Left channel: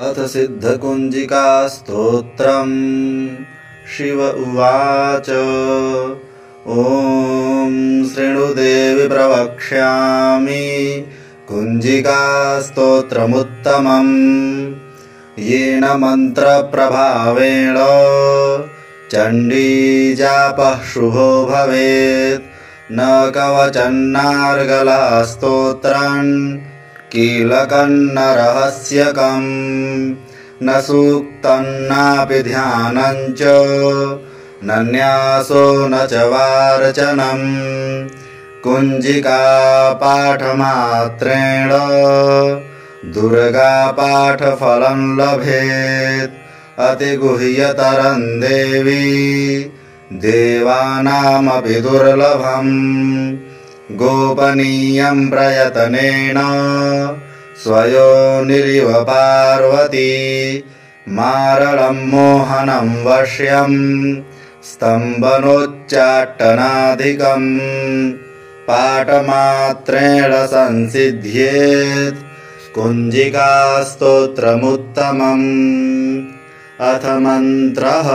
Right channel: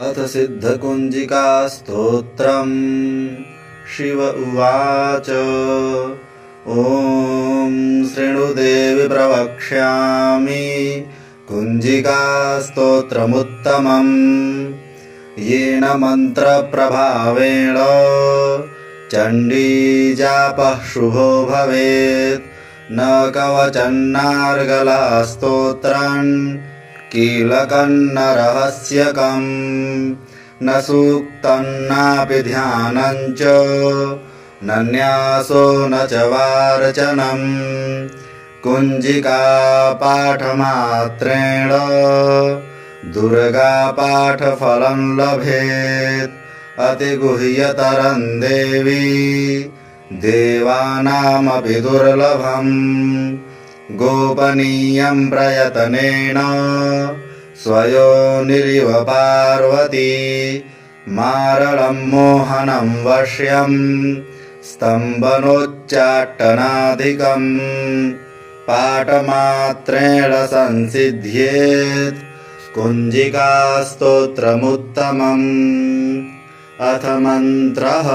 अथ सिद्धकुञ्जिका स्तोत्रम्। शिव उवाच। ॐ शृणुदेवि प्रवक्ष्यामि कुञ्जिका स्तोत्रमुत्तमम्। येन मन्त्रप्रभावेण चण्डीजापः शुभो भवेत्। न कवचन्नार्गला स्तोत्रम् कीलकम् न रहस्यकम्। न सूक्तम् नापि ध्यानम् च न न्यासो न च वार्चनम्। कुञ्जिका पाठमात्रेण दुर्गा पाठफलम् लभेत्। अतिगुह्यतरम् देवी देवानामपि दुर्लभम्। गोपनीयम् प्रयतनेन स्वयोनिरिव पार्वती। मारलम् मोहनम् वश्यम् स्तम्भनोच्चाटनाधिकम्। पाठमात्रेण संसिद्ध्येत् कुञ्जिका स्तोत्रमुत्तमम्। अथ मन्त्रः।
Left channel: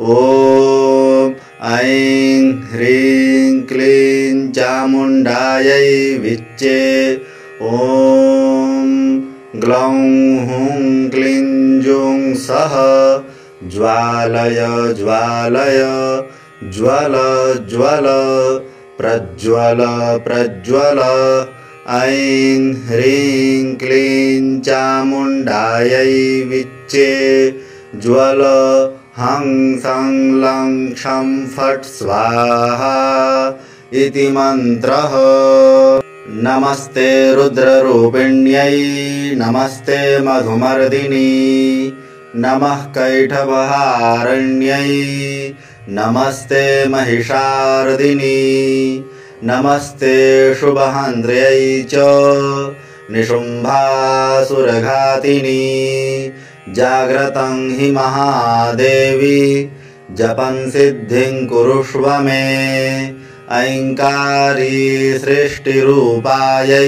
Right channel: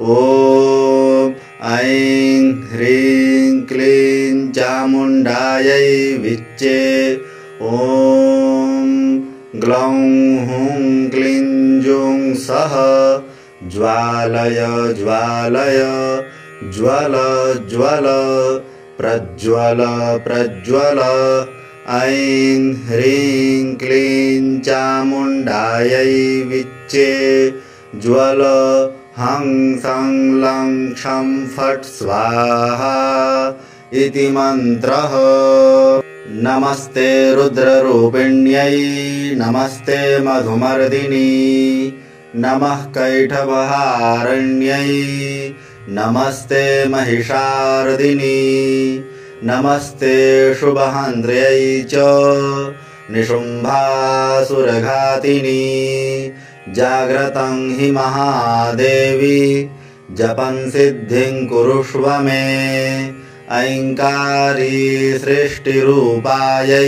ॐ ऐं ह्रीं क्लीं चामुण्डायै विच्चे। ॐ ग्लौं हुं क्लीं जुं सः ज्वालय ज्वालय ज्वल ज्वल प्रज्वल प्रज्वल। ऐं ह्रीं क्लीं चामुण्डायै विच्चे ज्वल हं सं लं क्षं फट् स्वाहा इति मन्त्रः। नमस्ते रुद्ररूपिण्यै नमस्ते मधुमर्दिनी। नमः कैटभहारण्यै नमस्ते महिषार्दिनी। नमस्ते शुभहन्त्र्यै च निशुम्भासुरघातिनी। जाग्रतं हि महादेवी जपं सिद्धिं कुरुष्व मे। ऐङ्कारी सृष्टिरूपायै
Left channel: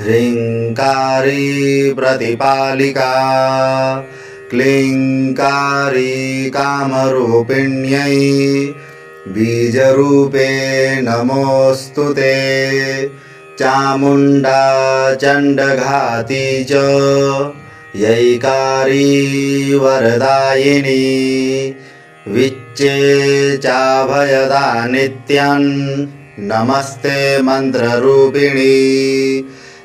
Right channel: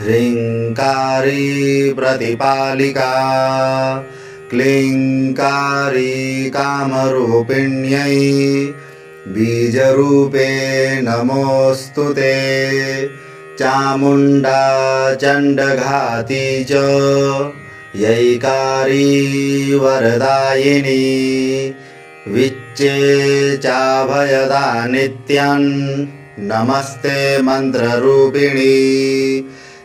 ह्रीङ्कारी प्रतिपालिका। क्लीङ्कारी कामरूपिण्यै बीजरूपे नमोऽस्तु ते। चामुण्डा चण्डघाती च यैकारी वरदायिनी। विच्चे चाभयदा नित्यम् नमस्ते मन्त्ररूपिणी।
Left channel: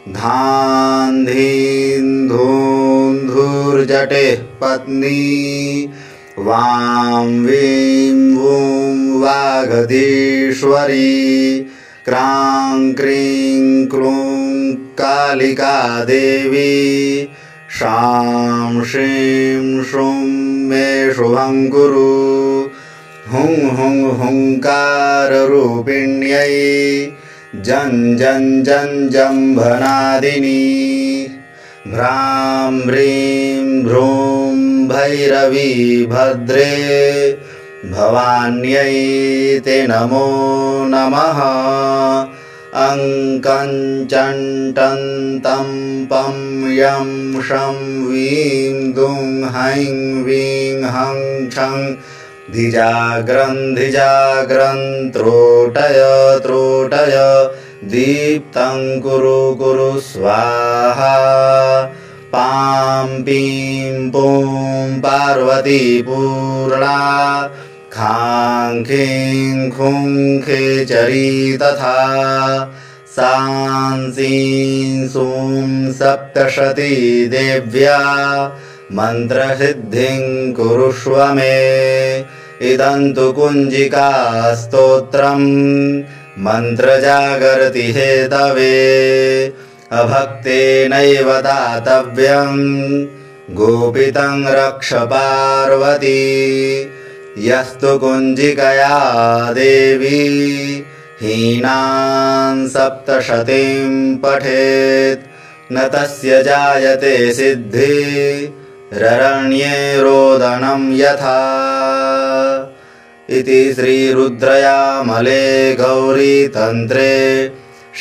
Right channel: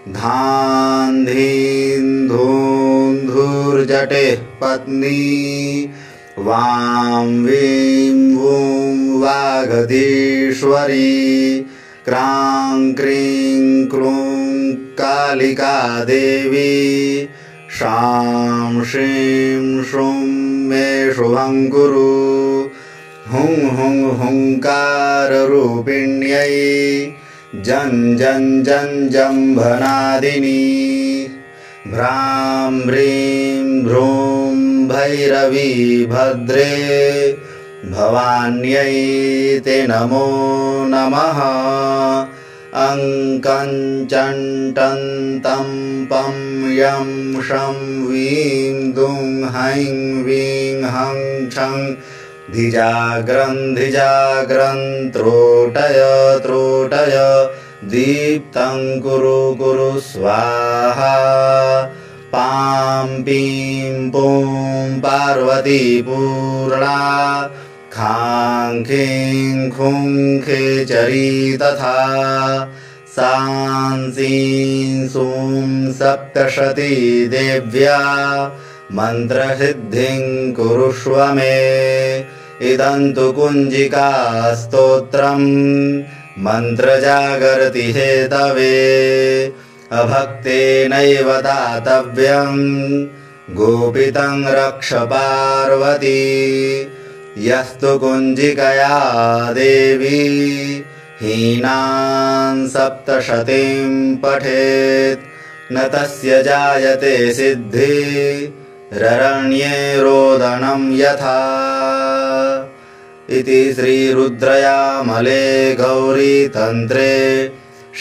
धां धीं धूं धूर्जटेः पत्नी। वां वीं वूं वागधीश्वरी। क्रां क्रीं क्लूं कालिका देवी। शां श्रीं श्रूं मे शुभं कुरु। हुं हुं हुंकाररूपिण्यै जं जं जं जम्भनादिनी। भ्रां भ्रीं भ्रूं भैरवी भद्रे भवान्यै ते नमो नमः। अङ्कं चण्टं तं पं यं शं वीं दुं हैं वीं हं छं धिजाग्रं धिजाग्रं त्रोटय त्रोटय दीप्तं कुरु कुरु स्वाहा। पां पीं पूं पार्वती पूर्णा। खां खीं खुं खेचरी तथा। सां सीं सूं सप्तशती देव्या मन्त्रसिद्धिं कुरुष्व मे। इदं तु कुञ्जिका स्तोत्रम् मन्त्रजागर्ति हेतवे। अभक्तेनैव दातव्यम् गोपितं रक्ष पार्वती। यस्तु कुञ्जिकया देवी हीनां सप्तशतीं पठेत् न तस्य जायते सिद्धिररण्ये रोदनं यथा। इति श्रीरुद्रयामले गौरीतन्त्रे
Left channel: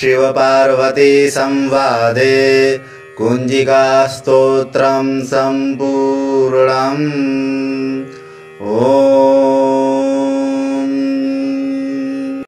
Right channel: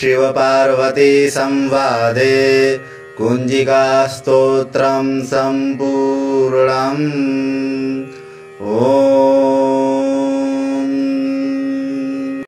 शिवपार्वती संवादे कुञ्जिकास्तोत्रं सम्पूर्णम्।